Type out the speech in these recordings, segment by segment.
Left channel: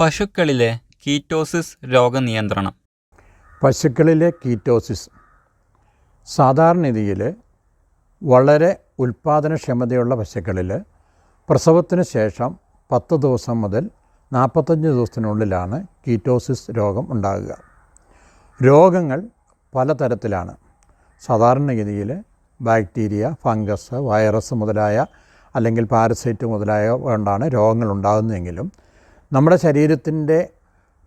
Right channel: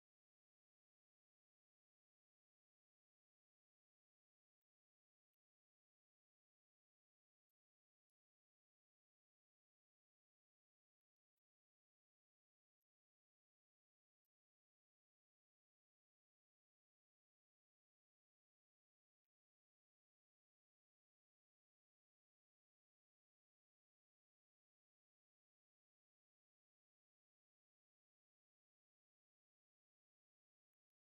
പശുക്കളിലെ ketosis രോഗനിയന്ത്രണം. പശുക്കളിലെ ketosis. സാധാരണഗതിയിൽ വളരെ ഉൽപ്പാദനക്ഷമതയുള്ള പശുക്കളിൽ പ്രസവത്തിന് ശേഷം പത്ത് ദിവസം മുതൽ നാൽപ്പത്തഞ്ച് ദിവസത്തിനുള്ളിലാണ് കീറ്റോസിസ് രോഗം ഉണ്ടാകുക. രോഗങ്ങൾ പലതരത്തിലാണ്. സാധാരണഗതിയിൽ ബാക്ടീരിയ ഫംഗസ് വൈറസ് മുതലായ അല്ലെങ്കിൽ പാരസൈറ്റ് മുതലായ കൊണ്ടാണ് രോഗങ്ങൾ ഉണ്ടാകുന്നതെങ്കിലും നമ്മുടെ ശരീരത്തിന്റെ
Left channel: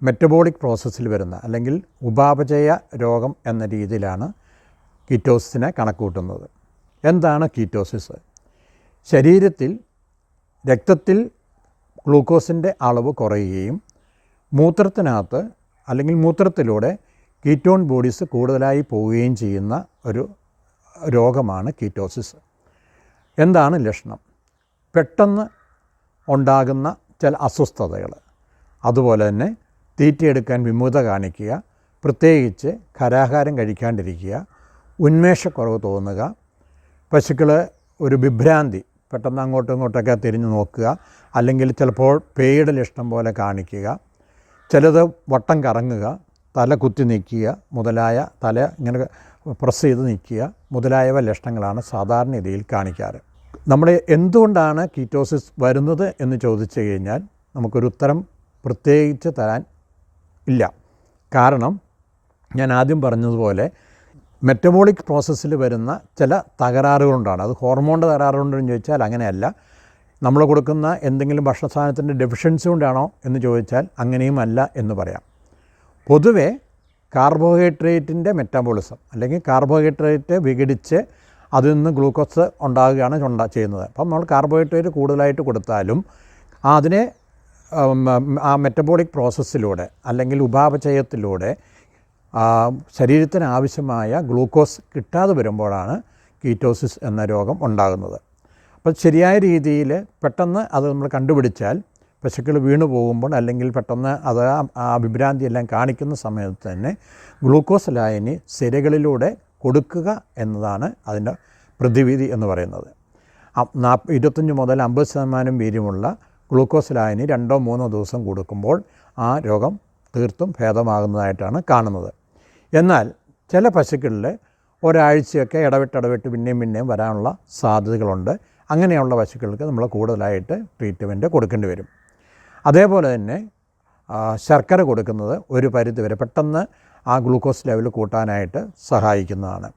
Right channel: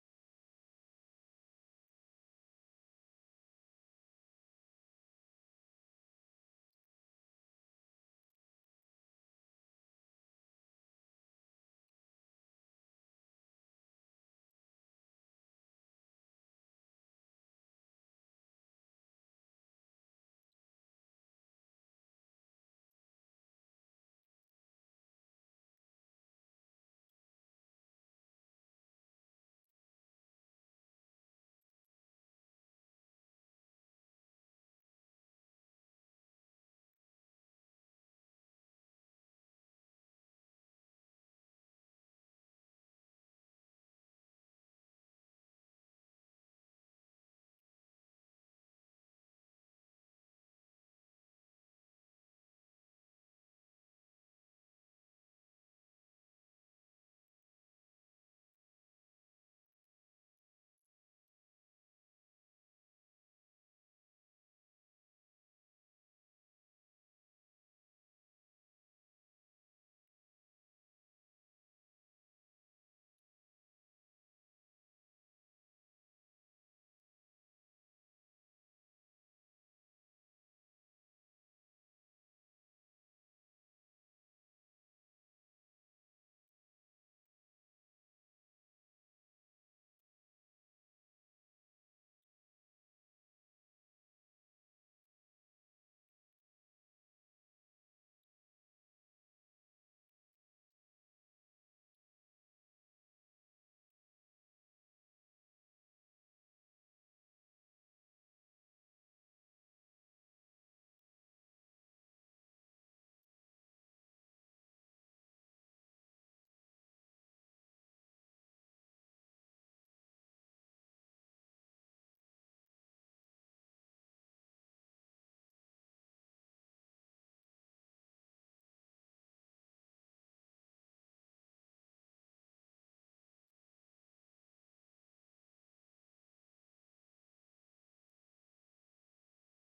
മെറ്റബോളിക് പ്രോസസ്സിൽ വരുന്ന അല്ലെങ്കിൽ ഉപാപചയ രോഗം എന്ന രീതിയിലാണ് കീറ്റോസിനെ കണക്കൂട്ടുന്നത് എന്താണ് കീറ്റോസിസ് ശരീരത്തിൽ രക്തത്തിൽ ഗ്ലൂക്കോസിന്റെ അളവ് കുറയുകയും മൂത്രത്തിനകത്ത് അല്ലെങ്കിൽ മൂത്രത്തിലൂടെ കീറ്റോൺ ബോഡീസ് കൂടുതലായി പോവുകയും ചെയ്യുന്ന ഒരു രോഗമാണ് കീറ്റോസിസ് എന്താണ് ലക്ഷണം? പെട്ടെന്ന് ഉണ്ടാകുന്ന ചില അസ്വസ്ഥതകൾ. അതുപോലെ തന്നെ തീറ്റയെടുക്കാൻ വിമുഖത കാണിക്കുക പ്രത്യേകിച്ച് ഖരാഹാരം കഴിക്കാണ്ടിരിക്കുക ഉന്മേഷക്കുറവ് തോന്നുക പശുക്കൾ ഒരു വിഭ്രാന്തി പെട്ടെന്ന് അങ്ങോട്ടും ഇങ്ങോട്ടൊക്കെ തിരിഞ്ഞു നോക്കുക അല്ലെങ്കിൽ ചിലപ്പോൾ പേയുടെ ലക്ഷണം പോലെ കാണിക്കുക ചിലത് വട്ടം കറങ്ങുക തല കുത്തി നിൽക്കുക മുതലായ തല ഇങ്ങനെ പ്രസ് ചെയ്ത് നിൽക്കുക മുതലായവ ലക്ഷണങ്ങളാണ് സാധാരണ രീതിയിൽ കാണിക്കാറ്. നമ്മുടെ എന്തുകൊണ്ടാണ് കീറ്റോസിസ് വരുന്നത് എന്ന് ചോദിച്ചു കഴിഞ്ഞാൽ നമുക്കൊരു ഉത്തരം പ്രത്യേകിച്ച് തരാൻ ഇല്ല. കാരണം ഞാൻ ആദ്യം പറഞ്ഞതുപോലെ മെറ്റബോളിക് പ്രോസസ്സിൽ വരുന്ന ചില തകരാറുകളുണ്ടാണ്. അത് ഹോർമോണിന്റെ തകരാറുകൊണ്ടെന്ന് ചോദിച്ചാൽ അങ്ങനെയല്ല. നമ്മൾ കൊടുക്കുന്ന എന്തെങ്കിലും ഭക്ഷണ സാധനത്തിന്റെ ഡെഫിഷ്യൻസി കൊണ്ടാണോ എന്ന് ചോദിച്ചാൽ അങ്ങനെയും അല്ല എന്ന് പറയാം. പൊതുവേ കാർബോഹൈഡ്രേറ്റിന്റെ മെറ്റാബോളിസം അല്ലെങ്കിൽ കാർബോഹൈഡ്രേറ്റ് വിഘടിച്ച് അതിൽ നിന്ന് ഗ്ലൂക്കോസ് ഉണ്ടാകുകയാണ് ഉണ്ടാ ചെയ്യുന്നത്. അപ്പം നമ്മൾ കാർബോഹൈഡ്രേറ്റ് കൂടുതലായിട്ട് കൊടുത്താലും അതിനെ ആ മെറ്റബോളിക് പ്രോസസ്സിലൂടെ അല്ലെങ്കിൽ ഉപാപചയത്തിലൂടെ ശരീരത്തിന് ആവശ്യമായ ഗ്ലൂക്കോസ് കിട്ടാതെ വരുമ്പോഴാണ് കീറ്റോസിസ് എന്ന രോഗം ഉണ്ടാകുന്നത്. അപ്പോൾ ശരിയായ രീതിയിൽ പെട്ടെന്ന് അത് നമ്മൾ കണ്ടുപിടിച്ചാൽ പശുക്കൾ വീണു പോകുമ്പോൾ അല്ലെങ്കിൽ പെട്ടെന്ന് അത് ആ അഭിഭ്രാന്തി എല്ലാം കാണിക്കുന്ന സമയത്ത് തന്നെ ഗ്ലൂക്കോസ് ലായനി സിരകളിലൂടെ കൊടുക്കുക എന്നതാണ് അതിന്റെ പ്രതിവിധി എന്ന് പറയുന്നത്. നാൽപ്പ ഇരുപത്തഞ്ച് മുതൽ അമ്പത് ശതമാനം വീര്യമുള്ള ഗ്ലൂക്കോസ് ലായനി രണ്ടോ മൂന്നോ ദിവസം കൊടുക്കുമ്പോൾ ആ രോഗം തീർത്തും ഭേദമാകുന്നതായിട്ടാണ് കാണുന്നത്. എന്നാൽ ചില പശുക്കളിൽ ഒരാഴ്ചയൊക്കെ ഇടവിട്ടിടവിട്ട് ഇടവിട്ട് പിന്നെയും പിന്നെയും വരാനുള്ള സാധ്യതകളുണ്ട്. അങ്ങനെയുള്ള പശുക്കൾക്ക് നമ്മൾ കൂടുതലായിട്ട് ട്രീറ്റ്മെന്റ് കൊടുക്കേണ്ടി വരും. അതേപോലെ തന്നെ ശർക്കര കൊടുക്കുന്നത് ഒരു പരിധി വരെ പെട്ടെന്ന് ആ ഗ്ലൂക്കോസ് ലെവൽ കൂട്ടാനായിട്ട് സഹായിക്കുന്നതാണ്.